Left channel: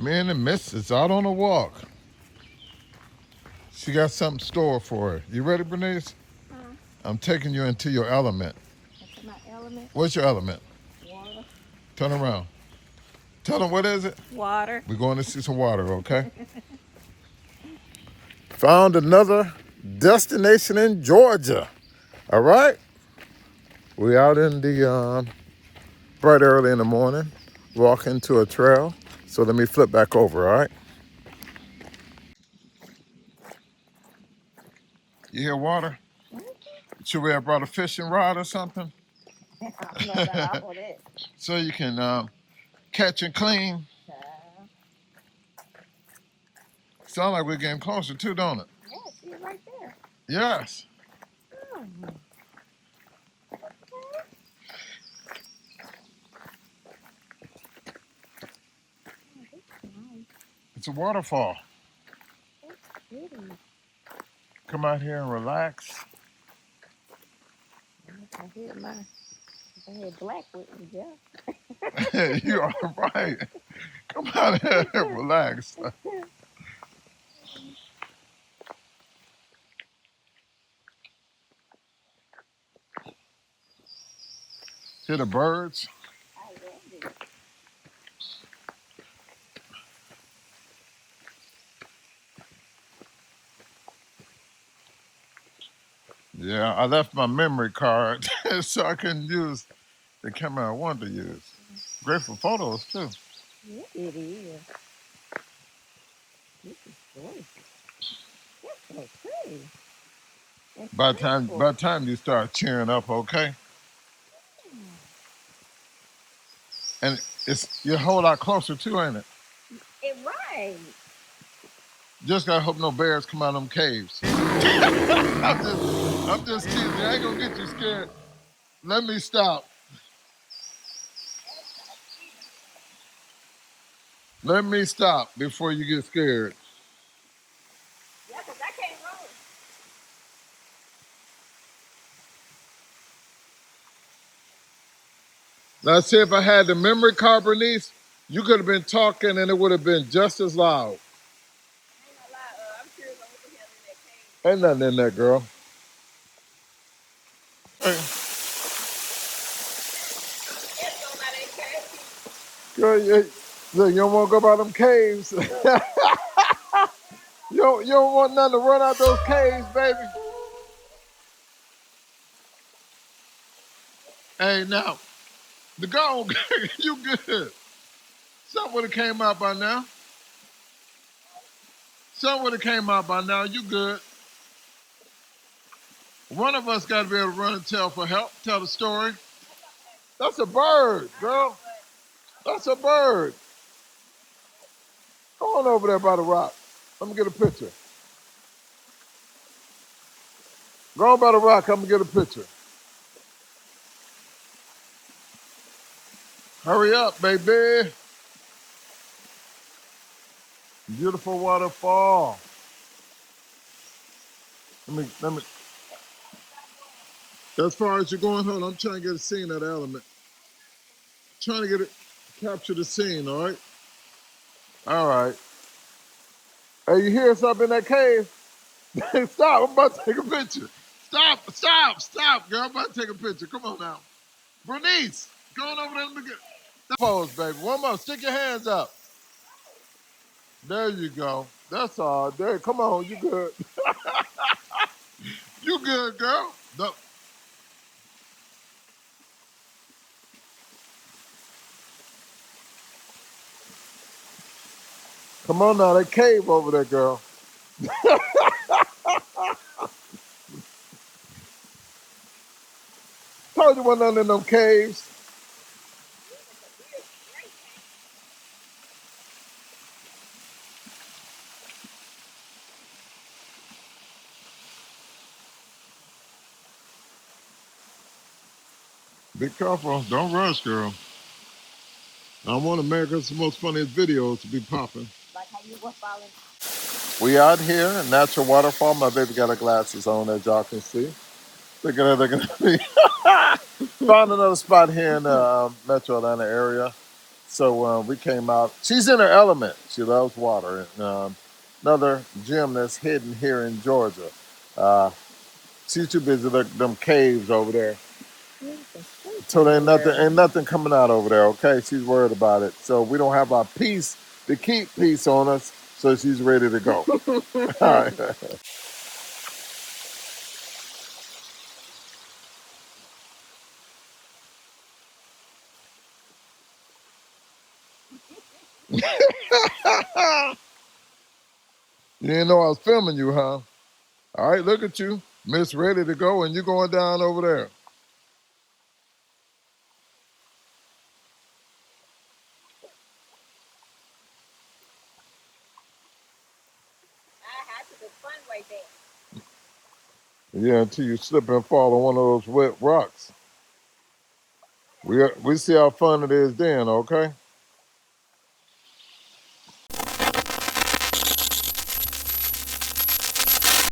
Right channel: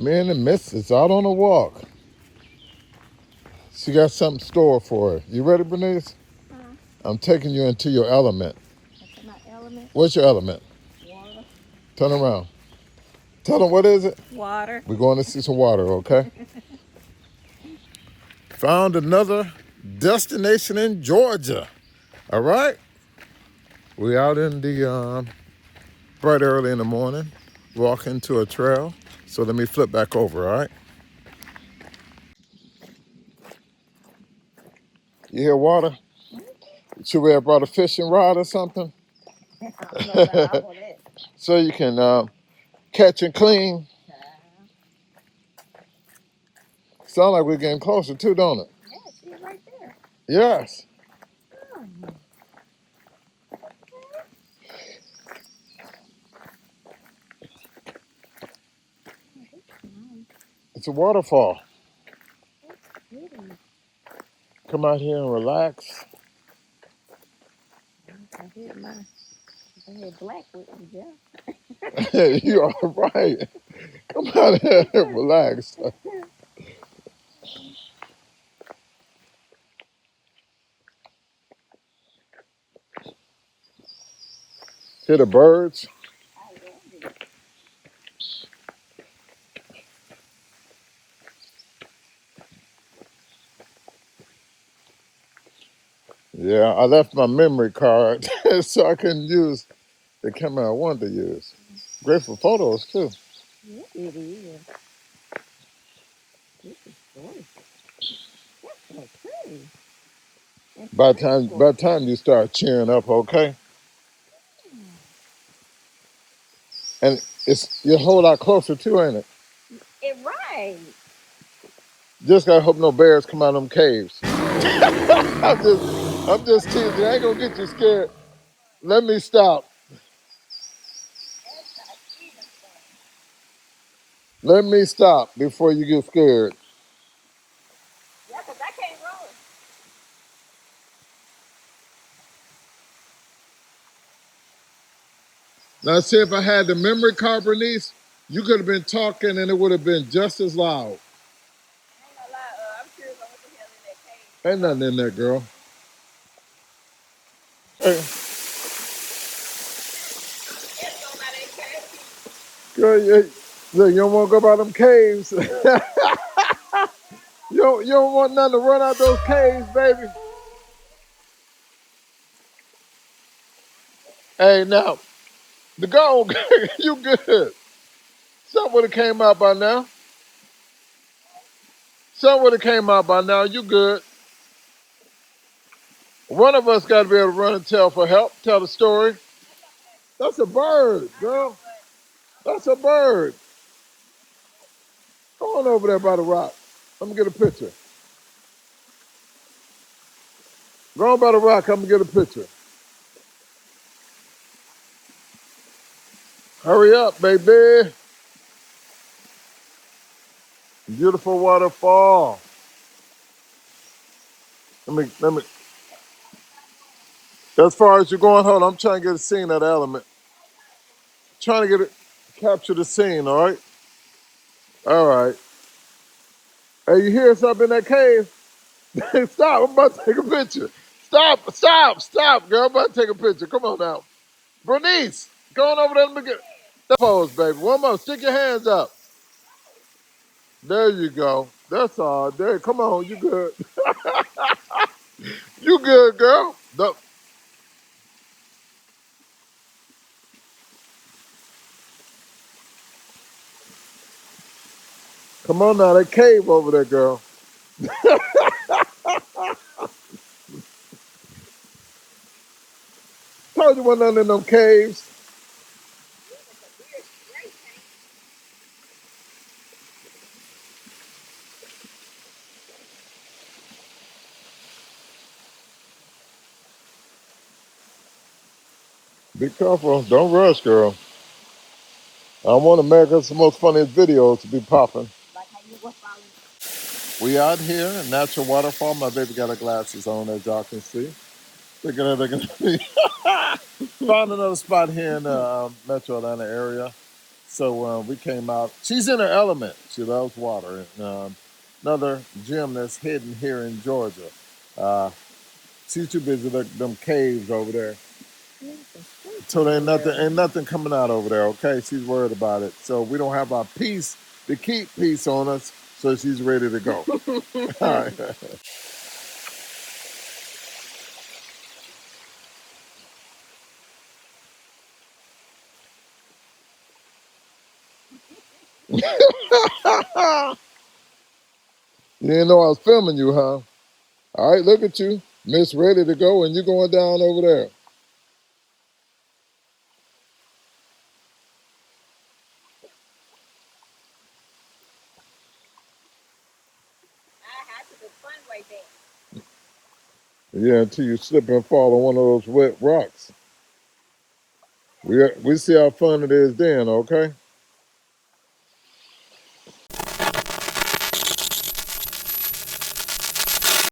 Me and the missus out on a walk. She got something stored for her. You ready, Bernice? Huh? I'm taking you into your element. That's my element. What's your element? Water. Turn around. Tell them what is it? Water. We're going to see some water, okay? Found another destination in Georgia. All right? We out in the bright early in the morning, walking to a trail. So let me flip back over, all right? You hear water? Should we have brought a fishing rod or something? I don't know about all that. So you can catch and clean. Child. Sound like we're getting closer too, don't it? Yeah, she's right there. Yes. Oh, that's nice. It's a waterfall. That's pretty. Come out here and relax. If I had black with me, yeah. You are right. Come out here and relax. Hear the birds? I love it. Yeah, I left my memory card so I couldn't use the camera I wanted to use. Great for photos too. Yeah, it is. This is gorgeous. That's so pretty. And peaceful. By the time you start cheering up, okay? And it's you're a whole lot closer too, ain't it? It right. Just gotta hope no bears come out of them caves. I'm just teasing. I ain't gonna get you scared. Let me stop. Let me stop before you get scared. Yeah, because I can't roll. Now, see, if I had the memory card, Bernice, you could have been talking and it would have been just as loud. I ain't gonna lie, I'm curious on what the hell in that cave. Ain't nothing in there, girl. Hey, Yes, go by that cave. girl, look, you don't want to go by them caves. You don't want nothing to run out those caves, baby. Hey, now, the go, you good. Something would have came out by now. Something would have came out by now. You good. One of us got to be able to run and tell for help, tell the story. That's a bird, girl. That's a bird. Go on over there by the rock. Let me get a picture. Go on by the rock. I'm going to get a picture. Hurry up, baby. Beautiful waterfall. Let me. As far as you're going, hold on. I'm trying to get a scene of the element. Trying to get it, capture the scene, all right? All right. Hey, you hear something in that cave? Stop. I'm about to take a picture. Stop, girl. I'm about to take a picture. Come on now. Bernice, go on over there. Let me get that pose, baby. One more. Stick your hands up. There you go. That's all. There. Come on. You good. You good, girl. No. Come on now. That cave over there, girl. Told you wasn't nothing in them caves. Be careful. Don't rush, girl. I want America's most funniest videos to be popping. Like how you were falling. We out here in natural waterfall. My baby got her glasses on, as y'all can see. Look at me. Found another spot here in the Metro Atlanta area. So we came out. She's in her element. She loves water. And, another gym that's hidden here in Georgia. Uh, she's too busy looking at them caves over there. So there ain't nothing coming out over there. Okay, she's worried about it. So we don't have our peace to keep peace on us. So she's ready to go. All right. You didn't know I was filming you, huh? All right, look at you. Miss ready to go, and you're going down over there. Yeah, until you slip and fall on one of those wet rocks. We see how fun it is then, okay?